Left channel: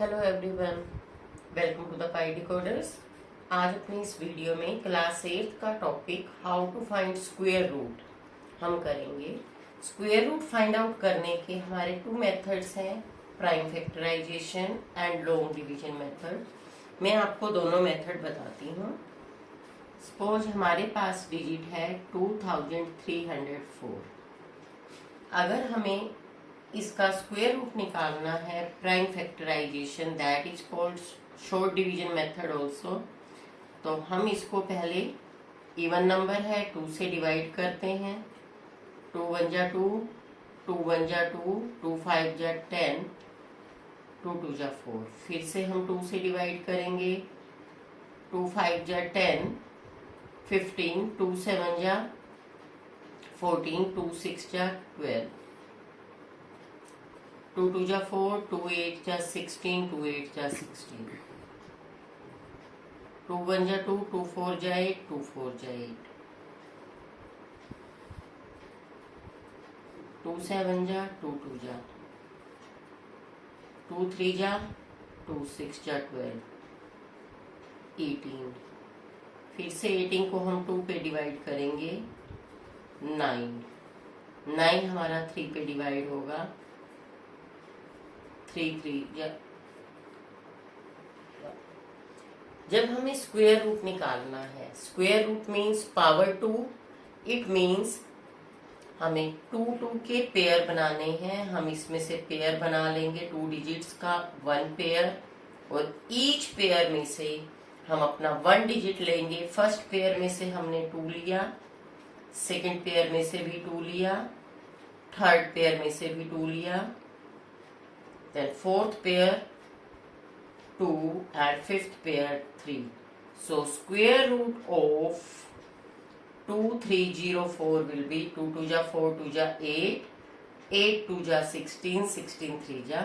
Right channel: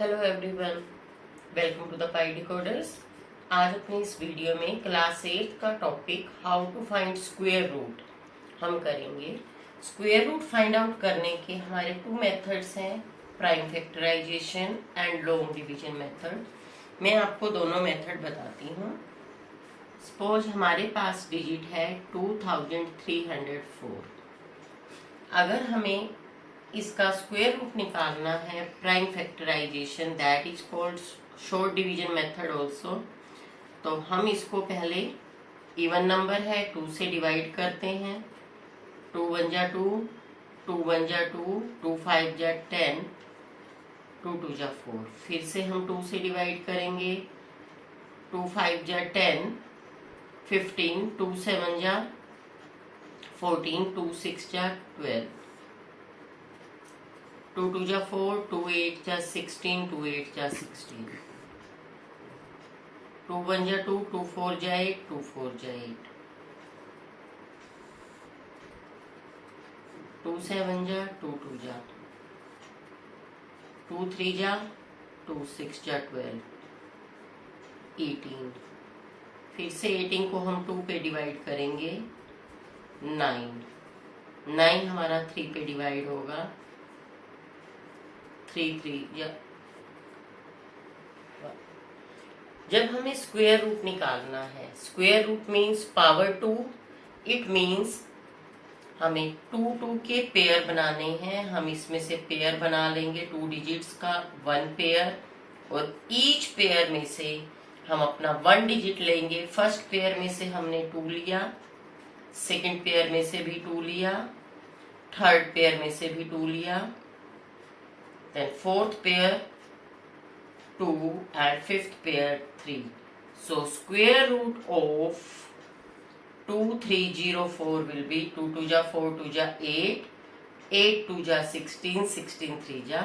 Hello everyone, welcome to the Pi Decoders. आज अपनी इस वीडियो में क्लास 8 का topic how to find square root हम करेंगे। स्क्वायर रूट फाइंड आउट करने के हमारे 2 मेथड्स हैं, prime factorisation and long division method. मैं आपको दोनों मेथड बताती हूँ। सपोज हमारे पास डिजिट है 2304। अगर हमें इसका स्क्वायर रूट निकालना है, prime factorisation that is called short division method also, तो हम इसको पहले इवन नंबर है 2 से डिवाइड करते हैं। 2 1 जा 2, 2 1 जा 2, 2 5 जा 10, 2 2 जा 4। फिर से हम 2 से डिवाइड करेंगे। 2 5 जा 10, 15, 2 7 जा 14, 2 6 जा 12, 2 2 जा 4, 2 8 जा 16, 2 8 जा 16, 2 1 जा 2, 2 4 जा 8, 2 4 जा 8, 2 7 जा 2 2 जा 2 3 जा 2 6 जा 12, 18। फिर से 18 को हम 2 पे डिवाइड करेंगे। 9 9 हमारा 3 पे डिवाइड होगा। 3 3 या जब हमें स्क्वायर रूट निकालना है, square root means power 2। It means हमें 2 2 के पेयर बनाने हैं। हम इसमें से पेयर बना लेंगे 2 डिजिट्स का 1 पेयर, और ईच पेयर में से हम अपना 1 डिजिट लेंगे। फर्स्ट पेयर में से हमने 2 लिया, सेकंड पेयर में से भी 2 लिया, थर्ड पेयर में से भी 2 लिया, then fourth pair 2 and fifth pair 3. So square root of 2304 will be 2 2 जा 4 2 जा 8, 8 2 जा 16, 16 3 जा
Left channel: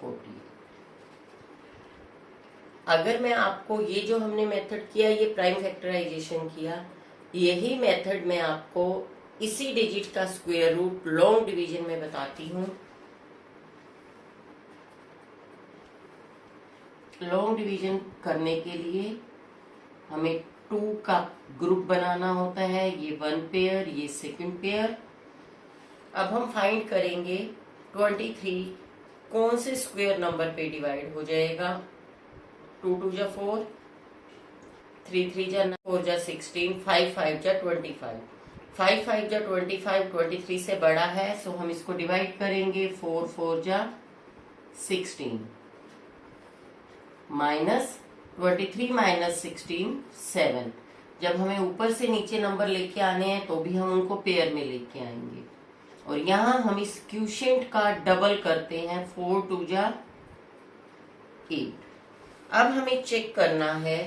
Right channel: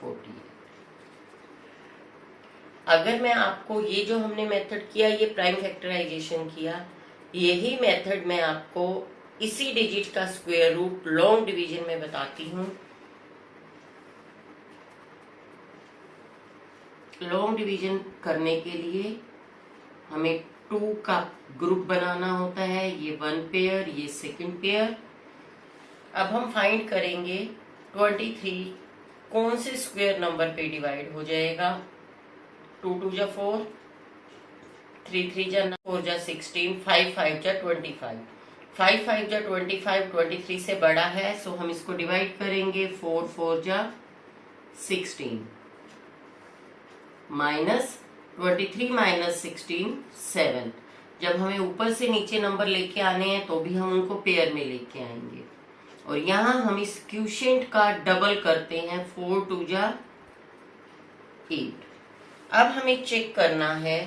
48। अगर मैं आपको ये जो हमने मेथड किया, ये प्राइम फैक्टराइजेशन किया, यही मेथड मैं आपको इसी डिजिट का स्क्वायर रूट लॉन्ग डिवीजन में बताती हूँ। लॉन्ग डिवीजन करने के लिए हमें 2 का ग्रुप बनाना होता है। ये 1 पेयर, ये सेकंड पेयर। अब हम फाइंड करेंगे 23 कौन से स्क्वायर नंबर पे डिवाइड हो जाएगा। 2 2 जा 4, 3 3 जा 4 जा 16, 5 5 जा 25, 5 5 जा 25, 23 से बड़ा है, सो हम इसको डिवाइड करेंगे। 4 4 जा 16 माइनस 23 माइनस 16 7। जब हमें ऊपर से नीचे नंबर लेके आने हैं तो भी हम उनको पेयर में लेके आएंगे, और यहाँ हम इस क्वोशिएंट का डबल करते हैं। 4 2 जा 8। अब हमें चेक करना है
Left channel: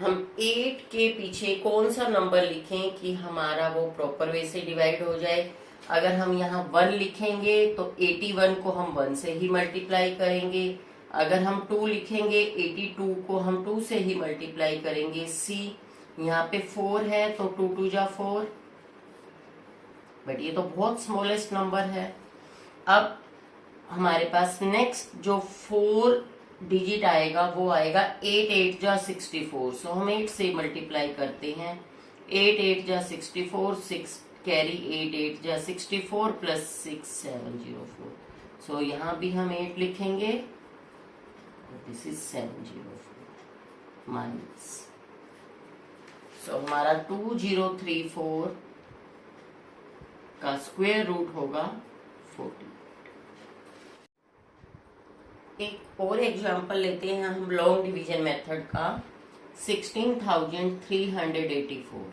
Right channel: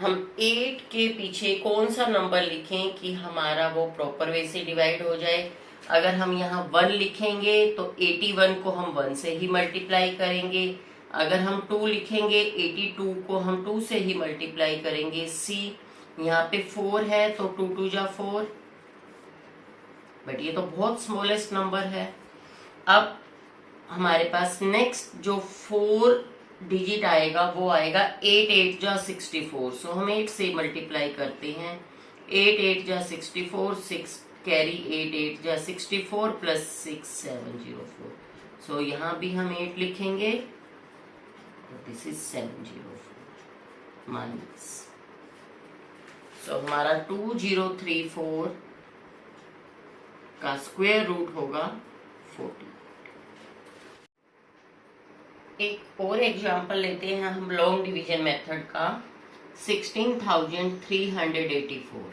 हम 8 के पीछे कौन सा नंबर लिखें कि हमारा वो प्रॉपर वे से डिवाइड हो जाए। अगर हम यहाँ 1 लिखेंगे तो 81 को हम 1 से ही मल्टीप्लाई करेंगे। अगर हम 2 लिखेंगे 82 को हम 2 से ही मल्टीप्लाई करेंगे। सी यहाँ पे 4 है तो 2 2 जा 4, बट ये तो बहुत स्मॉलेस्ट नंबर है। अब हमारे पास नेक्स्ट जो 4 डिजिट आएगा वो आएगा 8 8 जा 64। सो हम 8 से मल्टीप्लाई करते हैं। 8 8 जा 64, 6 कैरी 8 8 जा 64 प्लस 6 704। सो यहाँ भी हम 8 लिखेंगे। This is 704 minus, so हमारा 2034 का स्क्वायर रूट होगा 40। एक और एग्जांपल लेते हैं हम लॉन्ग डिवीजन मेथड का। 16,384।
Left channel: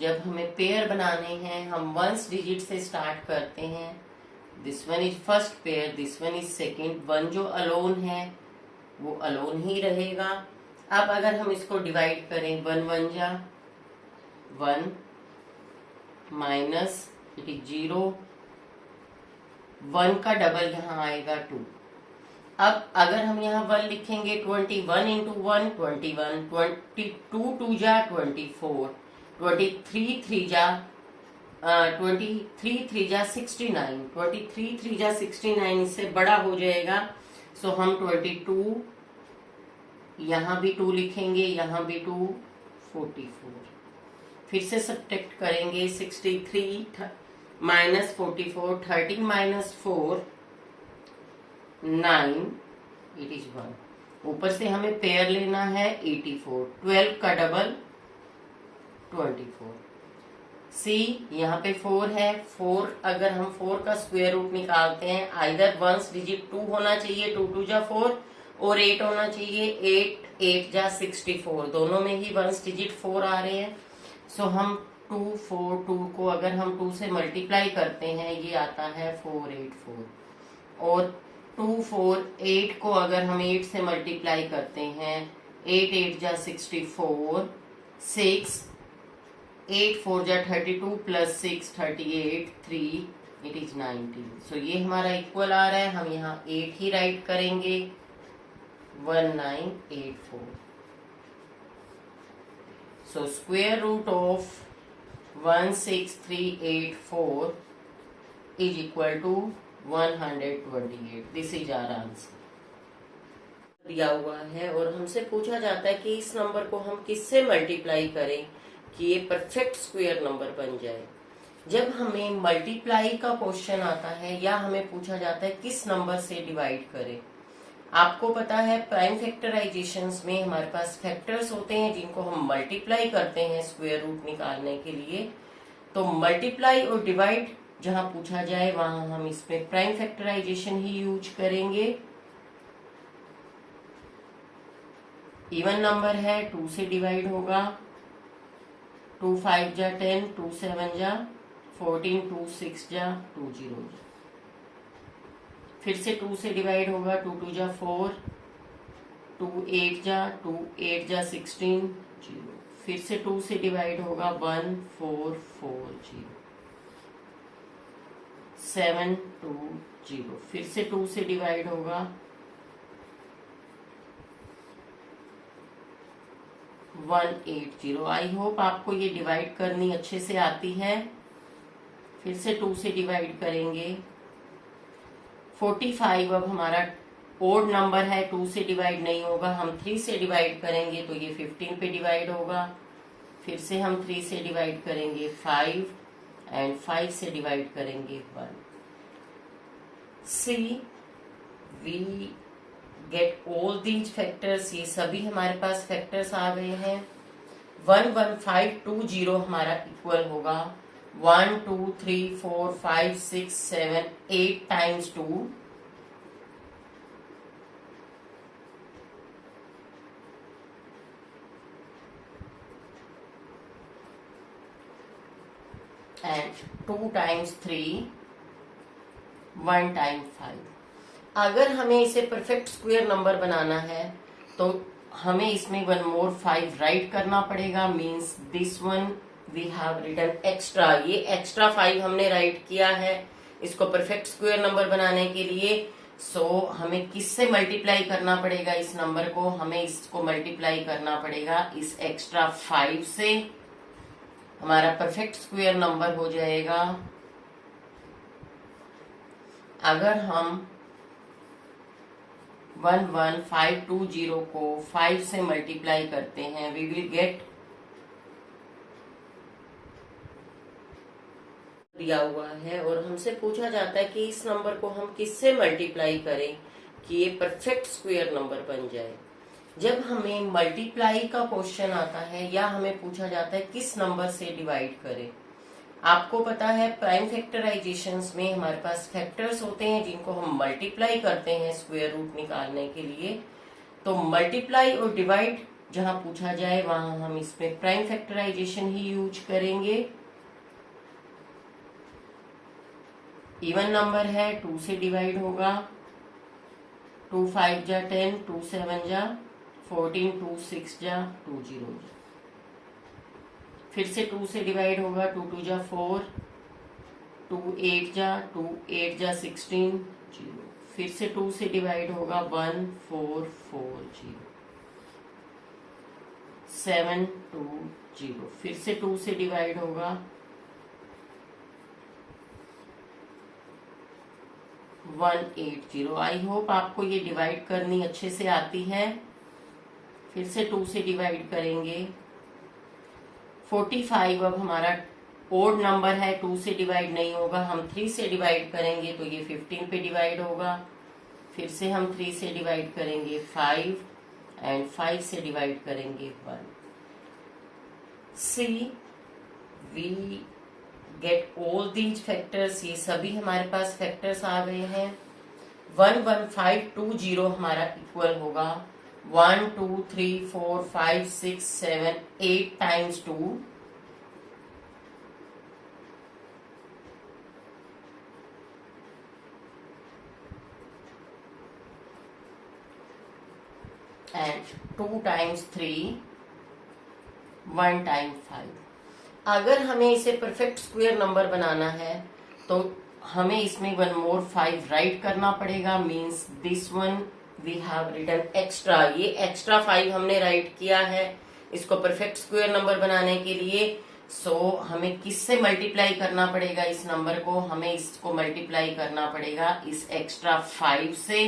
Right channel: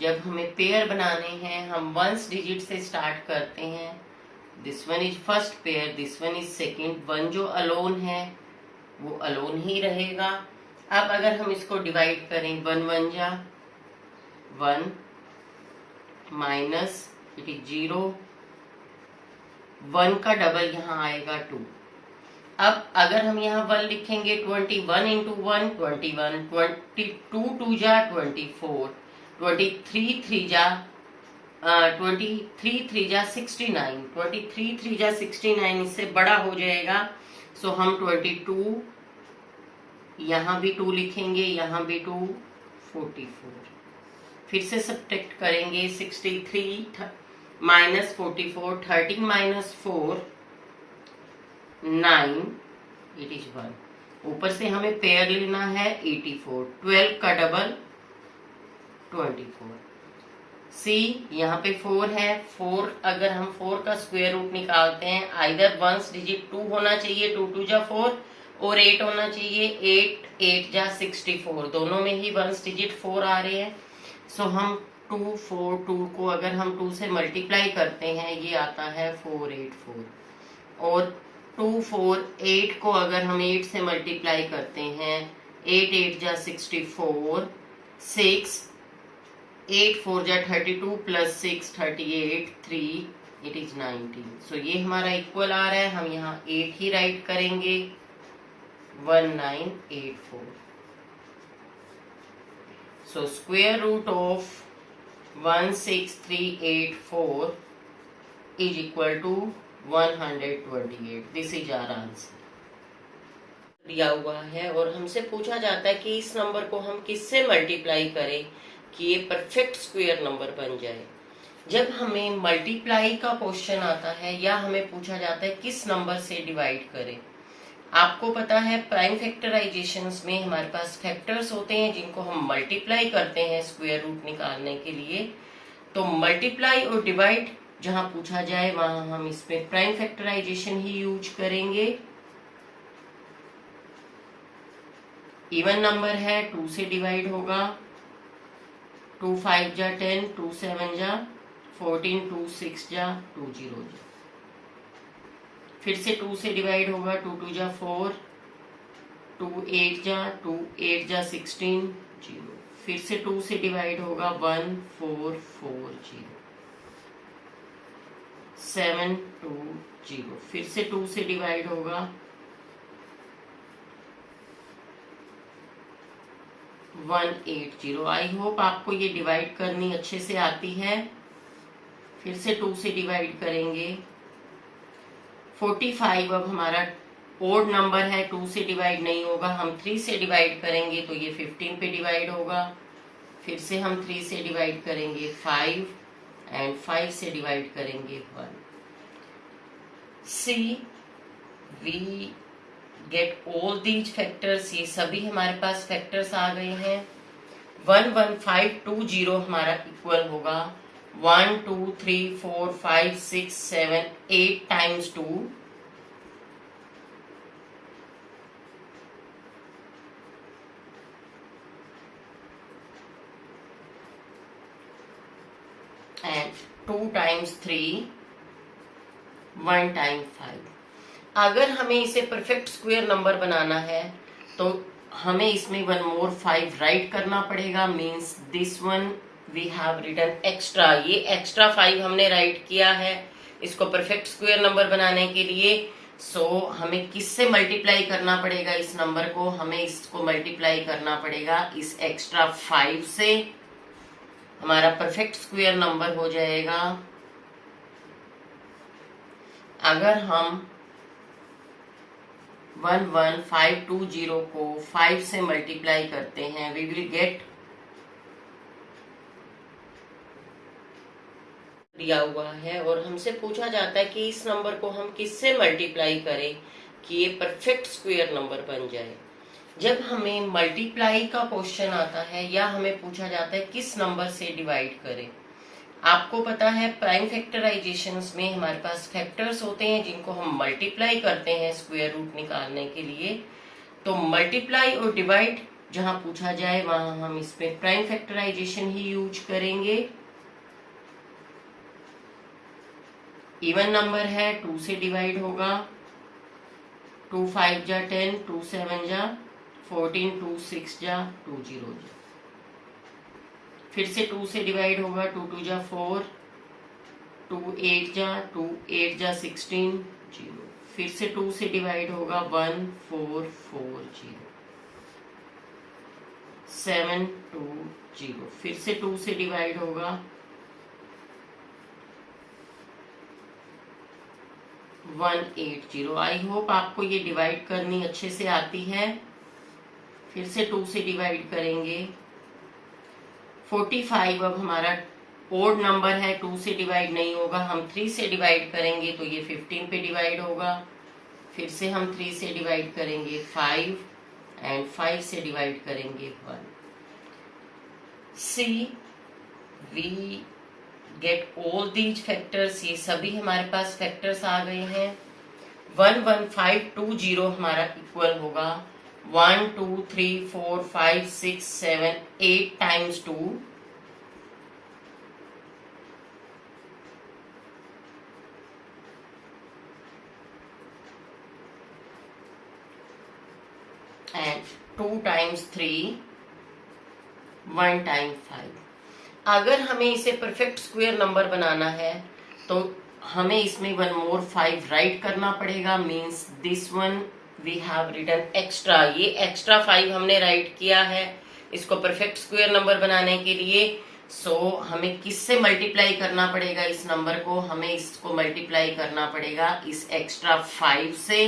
जब हमें पेयर बनाने हैं हम 1 डिजिट से स्टार्ट करते हैं। This one is first pair, this one is second. 1 जो अलोन है वो अलोन ही रहेगा। अब अगर हम इसको डिवाइड करें, 1 1 जा 1 माइनस इट इज 0, 1 का डबल यहाँ आएगा 2। अब अगर हम यहाँ 1 लिखेंगे 21 इंटू 1 21, 22 2 जा 24, 23 3 जा 23 3 जा 69, 23 3 जा 69 इससे बड़ा हो जाएगा। सो हम 22, यहाँ भी 2 लिखेंगे, यहाँ भी 2, 44। फिर से सब्ट्रैक्ट करेंगे, 63 माइनस 44, 13 माइनस 4 9, इट इज 1। ऊपर से हमें पेयर लेना है 84, 12 का डबल 24। सी यहाँ पे 4 है, 4 अगर हम 4 का स्क्वायर रूट निकालते हैं, आइदर वंस डिजिट 2 होना चाहिए, 2 2 जा 4, और 8 होना चाहिए, 8 8 जा 64, दोनों में ही वंस डिजिट 4 आ रहे हैं। सो हम 2 4 2 को अगर हम 2 से मल्टीप्लाई करते हैं, ये आता है 484, और 2 4 8 को अगर हम 8 से मल्टीप्लाई करते हैं, 8 8 जा 64, 6 8 4 जा 32 प्लस 6 38 3, इट इज 19। सो ये हमारा इक्वल आ रहा है, हम यहाँ 8 ही राइट करेंगे, 1984। So square root of 16384 is equal to 128। This is our answer. दिया हुआ है और हमसे पूछा जाता है कि इस नंबर को हम किससे मल्टीप्लाई करें कि ये परफेक्ट स्क्वायर नंबर बन जाए। जब हमें मल्टीप्लाई का क्वेश्चन आता है या हमें पूछा जाता है किस नंबर से डिवाइड करें, आपको पता है प्राइम फैक्टराइजेशंस में हमारे पास फैक्टर्स होते हैं जिनको हम मल्टीप्लाई करते हैं स्क्वायर रूट निकालने के लिए। तो मल्टीप्लाई और डिवाइड जहां पूछा जाए वहां हम इसमें प्राइम फैक्टराइजेशन ही यूज करेंगे। इवन नंबर है, 2 से डिवाइड होगा, 2 5 जा 10, 2 7 जा 14, 2 6 जा 2 0 जा। फिर से 2 से डिवाइड होगा, 2 2 जा 4, 2 8 जा 2 8 जा 16 0। फिर से 2 से डिवाइड होगा, 1 4 4 0, 7 2 0। फिर से 2 से डिवाइड होगा, 1 8 0। आई होप आपको ये डिवाइड करनी अच्छे से आती है। फिर से 2 से डिवाइड करेंगे, 45 अब हमारा ओड नंबर है, 2 से डिवाइड नहीं होगा, हम 3 से डिवाइड करेंगे तो ये 15 पे डिवाइड होगा। फिर से हम 3 से डिवाइड करेंगे 5, एंड 5 से डिवाइड करेंगे 1। See we get all these factors, ये सभी हमारे पास फैक्टर्स आ गए हैं। 11520 हमारा इक्वल होगा 1 2 3 4 5 6 7 8 टाइम्स 2, and 2 times 3, 1 times 5। अगर हमें इसे परफेक्ट स्क्वायर नंबर बनाना है तो हमें इसमें 1 more 5 राइट करना पड़ेगा। Means this one we have written extra, ये एक्स्ट्रा 5 हमने राइट किया है इसको परफेक्ट स्क्वायर नंबर बनाने के लिए। सो हमें किससे मल्टीप्लाई करना पड़ेगा इस नंबर को, हमें इसको मल्टीप्लाई करना पड़ेगा इस एक्स्ट्रा 5 से। हमारा परफेक्ट स्क्वायर नंबर हो जाएगा, अगर हम 11520 को 5 से मल्टीप्लाई करते हैं, वी विल गेट, दिया हुआ है और हमसे पूछा जाता है कि इस नंबर को हम किससे मल्टीप्लाई करें कि ये परफेक्ट स्क्वायर नंबर बन जाए। जब हमें मल्टीप्लाई का क्वेश्चन आता है या हमें पूछा जाता है किस नंबर से डिवाइड करें, आपको पता है प्राइम फैक्टराइजेशंस में हमारे पास फैक्टर्स होते हैं जिनको हम मल्टीप्लाई करते हैं स्क्वायर रूट निकालने के लिए। तो मल्टीप्लाई और डिवाइड जहां पूछा जाए वहां हम इसमें प्राइम फैक्टराइजेशन ही यूज करेंगे। इवन नंबर है, 2 से डिवाइड होगा, 2 5 जा 10, 2 7 जा 14, 2 6 जा 2 0 जा। फिर से 2 से डिवाइड होगा, 2 2 जा 4, 2 8 जा 2 8 जा 16 0। फिर से 2 से डिवाइड होगा, 1 4 4 0, 7 2 0। फिर से 2 से डिवाइड होगा, 180। आई होप आपको ये डिवाइड करनी अच्छे से आती है। फिर से 2 से डिवाइड करेंगे। 45 अब हमारा ओड नंबर है, 2 से डिवाइड नहीं होगा, हम 3 से डिवाइड करेंगे तो ये 15 पे डिवाइड होगा। फिर से हम 3 से डिवाइड करेंगे 5 एंड 5 से डिवाइड करेंगे 1। See we get all these factors, ये सभी हमारे पास फैक्टर्स आ गए हैं। 11520 हमारा इक्वल होगा 1 2 3 4 5 6 7 8 टाइम्स 2 and 2 times 3 1 times 5। अगर हमें इसे परफेक्ट स्क्वायर नंबर बनाना है तो हमें इसमें 1 more 5 राइट करना पड़ेगा। Means this one we have written extra, ये एक्स्ट्रा 5 हमने राइट किया है इसको परफेक्ट स्क्वायर नंबर बनाने के लिए। सो हमें किससे मल्टीप्लाई करना पड़ेगा इस नंबर को? हमें इसको मल्टीप्लाई करना पड़ेगा इस एक्स्ट्रा 5 से।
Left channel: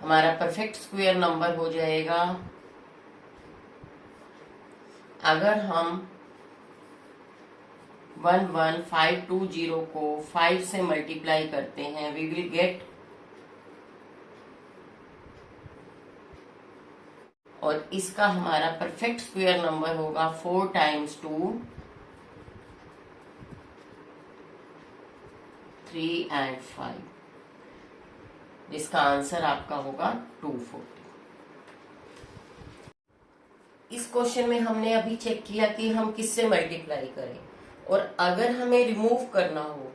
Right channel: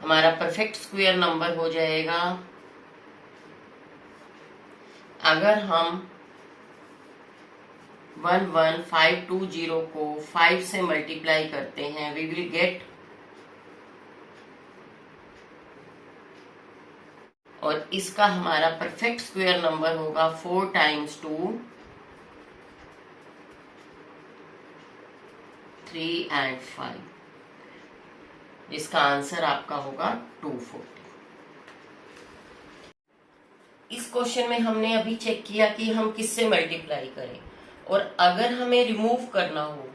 हमारा परफेक्ट स्क्वायर नंबर हो जाएगा, अगर हम 11520 को 5 से मल्टीप्लाई करते हैं वी विल गेट, और इसका हमारा परफेक्ट स्क्वायर नंबर होगा 4 टाइम्स 2 3 एंड 5, जिसका आंसर आपका होगा 240। इस क्वेश्चन में हमने अभी चेक किया कि हम किससे मल्टीप्लाई करें, और अगर हमें रिमूव करना हो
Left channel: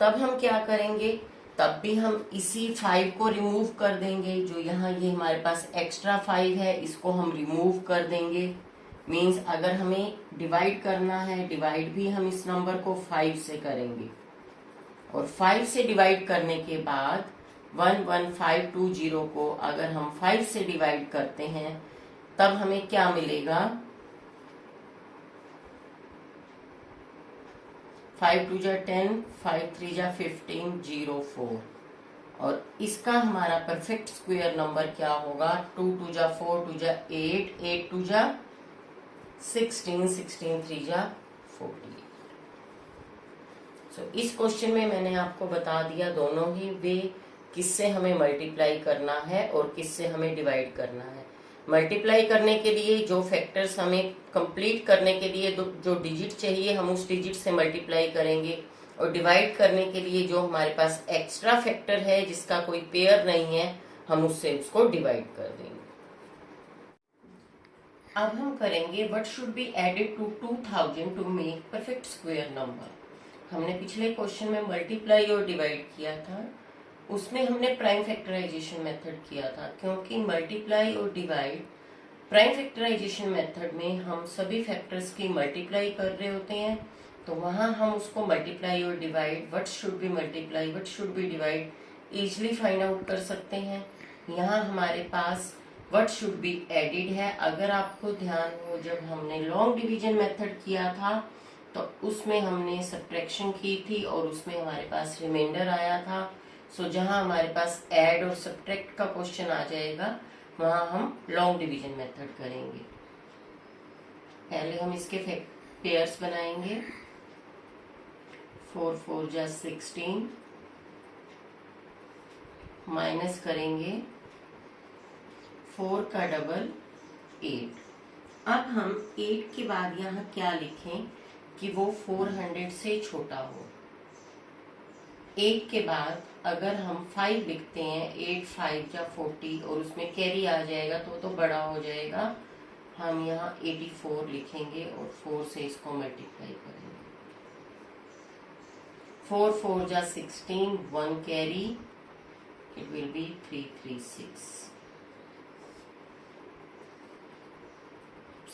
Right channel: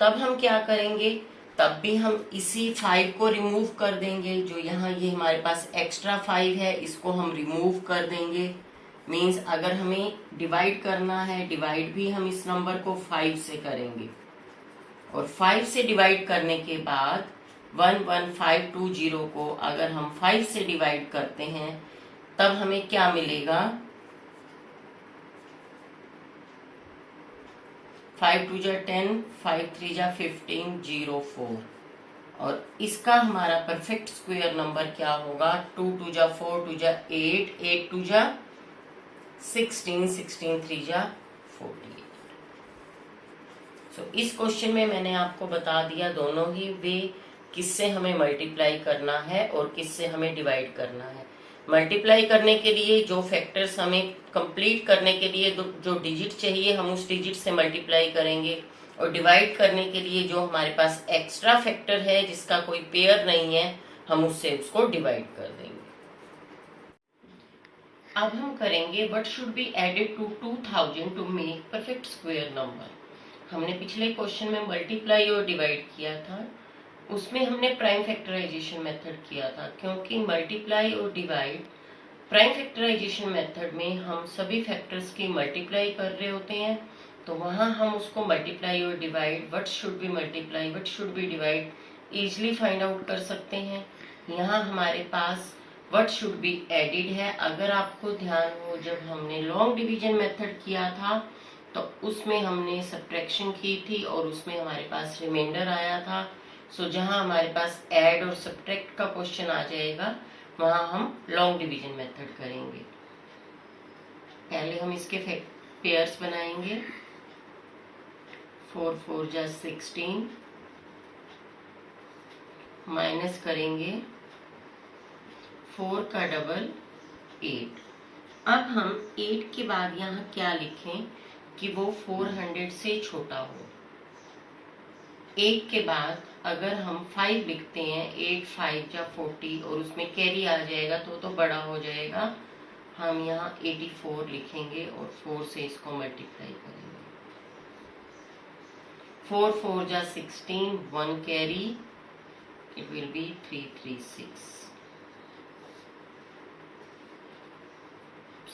तब हम क्या करेंगे? तब भी हम इसी 5 को रिमूव कर देंगे। जो यहाँ ये हमारे पास एक्स्ट्रा 5 है इसको हम रिमूव कर देंगे। मीन्स अगर हमें डिवाइड करना है, डिवाइड भी हम इस नंबर को 5 से करेंगे, और 5 से डिवाइड करने के बाद 11520 को अगर हम 5 से डिवाइड करते हैं तब हमें क्या मिलेगा? 5 2 जा 10, 5 3 जा 15, 0 4, और इसका हमारा परफेक्ट स्क्वायर नंबर क्या होगा? 2 2 जा 4, 2 जा 8, 8 2 जा 16, 16 3 जा 48। सो इस क्वेश्चन में मैंने आपको बता दिया दोनों ही वे किससे हमें मल्टीप्लाई करना है और किससे हमें डिवाइड करना है। मल्टीप्लाई करने के लिए जो फैक्टर्स हमें कंप्लीट करने के लिए जो डिजिट चाहिए हम उस डिजिट से मल्टीप्लाई करेंगे, और डिवाइड करने के लिए जो हमारे पास एक्स्ट्रा फैक्टर है जिसका कोई पेयर नहीं है हम उससे उसको डिवाइड कर देंगे। अब हम करेंगे what should be added to 2000 to make perfect square number. हमने पिछले क्वेश्चन में मल्टीप्लाई और डिवाइड किया था, उसमें हमने प्राइम फैक्टराइजेशन मेथड किया था, क्योंकि मल्टीप्लाई और डिवाइड प्राइम फैक्टराइजेशन मेथड में हम सभी फैक्टर्स की मल्टीप्लाई कर रहे होते हैं, तो वहां हम उसको मल्टीप्लाई और divide, what should B multiply what should B divide easily find out कर सकते हैं। यहाँ हमारे पास व्हाट शुड बी एडिड है। अगर आपको ध्यान हो जब हमने लॉन्ग डिवीजन मेथड किया था तो उसमें हमने सब्ट्रैक्शन की थी और उसमें हमारे पास रिमाइंडर आया था। सो जहां हमारे पास ऐड और सब्ट्रैक्ट का क्वेश्चन आ जाएगा वहां हम लॉन्ग डिवीजन मेथड करेंगे। पहले हम इसके पेयर्स बनाएंगे। 4 4 जा 16, माइनस करेंगे 4 का डबल 8। अब हम 8 के बाद यहाँ क्या लिखें कि वो 400 से छोटा हो। 8 के बाद अगर हम 5 लिखते हैं 8 5 जा 40 और उसमें कैरी आ जाएगा तो बड़ा हो जाएगा। हम यहाँ 84 लिखेंगे और 4 से इसको मल्टीप्लाई करेंगे। 4 4 जा 16, 1 carry, it will be 336।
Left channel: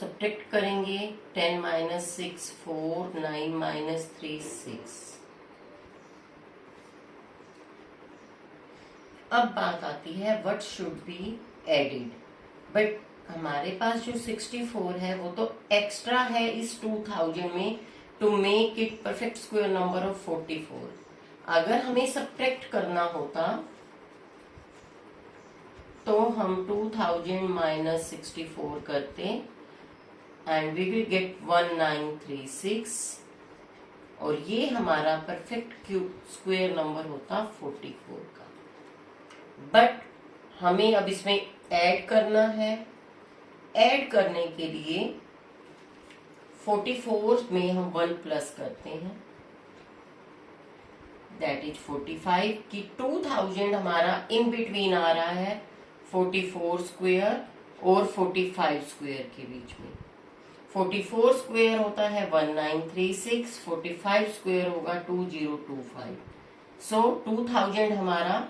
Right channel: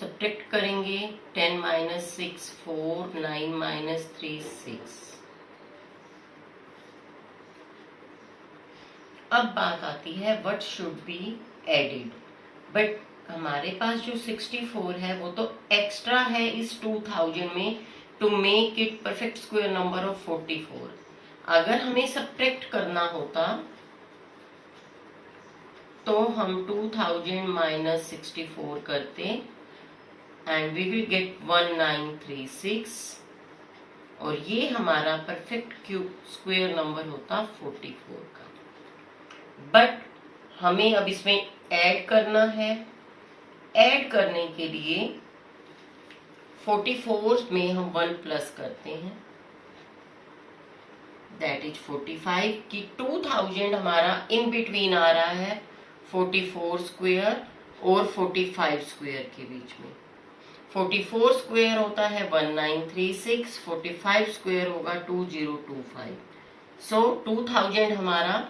Subtract करेंगे 10 माइनस 6 4, 9 माइनस 3 6। अब बात आती है what should be added, but हमारे पास जो 64 है वो तो एक्स्ट्रा है इस 2000 में to make it perfect square number of 44। अगर हमें सब्ट्रैक्ट करना होता तो हम 2000 माइनस 64 करते एंड वी विल गेट 1936 और ये हमारा परफेक्ट क्यूब स्क्वायर नंबर होता 44 का। बट हमें अब इसमें ऐड करना है। ऐड करने के लिए 44 में हम 1 प्लस करते हैं, दैट इज 45 की 2000 हमारा इन बिटवीन आ रहा है 44 स्क्वायर और 45 स्क्वायर के बीच में। 44 स्क्वायर होता है 1936, 45 स्क्वायर होगा 2025। सो 2000 हमारा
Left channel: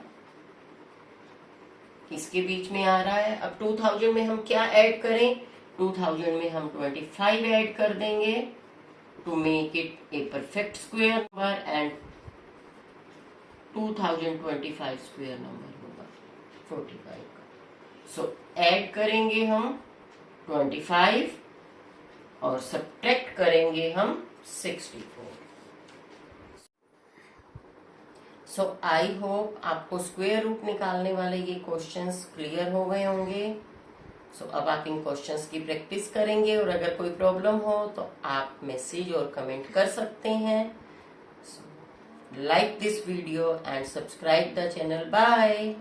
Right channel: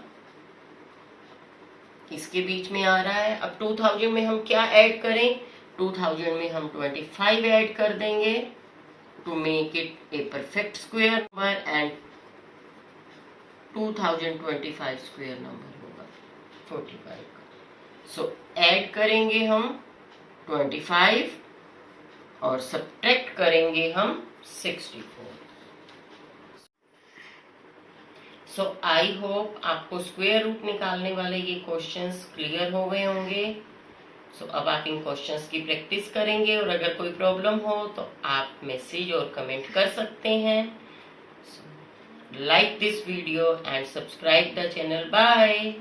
इसके बीच में आ रहा है। अब 2000 में हम क्या ऐड करें? 2000 में हम 25 ऐड कर देंगे to make it a perfect square number and 2025 square number होगा 45 का। सो ऐड करेंगे हम 25 और सब्ट्रैक्ट करेंगे हम 64। सो आई होप आपको स्क्वायर रूट निकालने वाले ये क्वेश्चंस क्लियर हो गए होंगे। सो अब आप इन क्वेश्चंस की प्रैक्टिस करेंगे और अगर कोई प्रॉब्लम हो तो आप मैसेज और कमेंट कर सकते हैं। Like this video and subscribe the channel. Bye.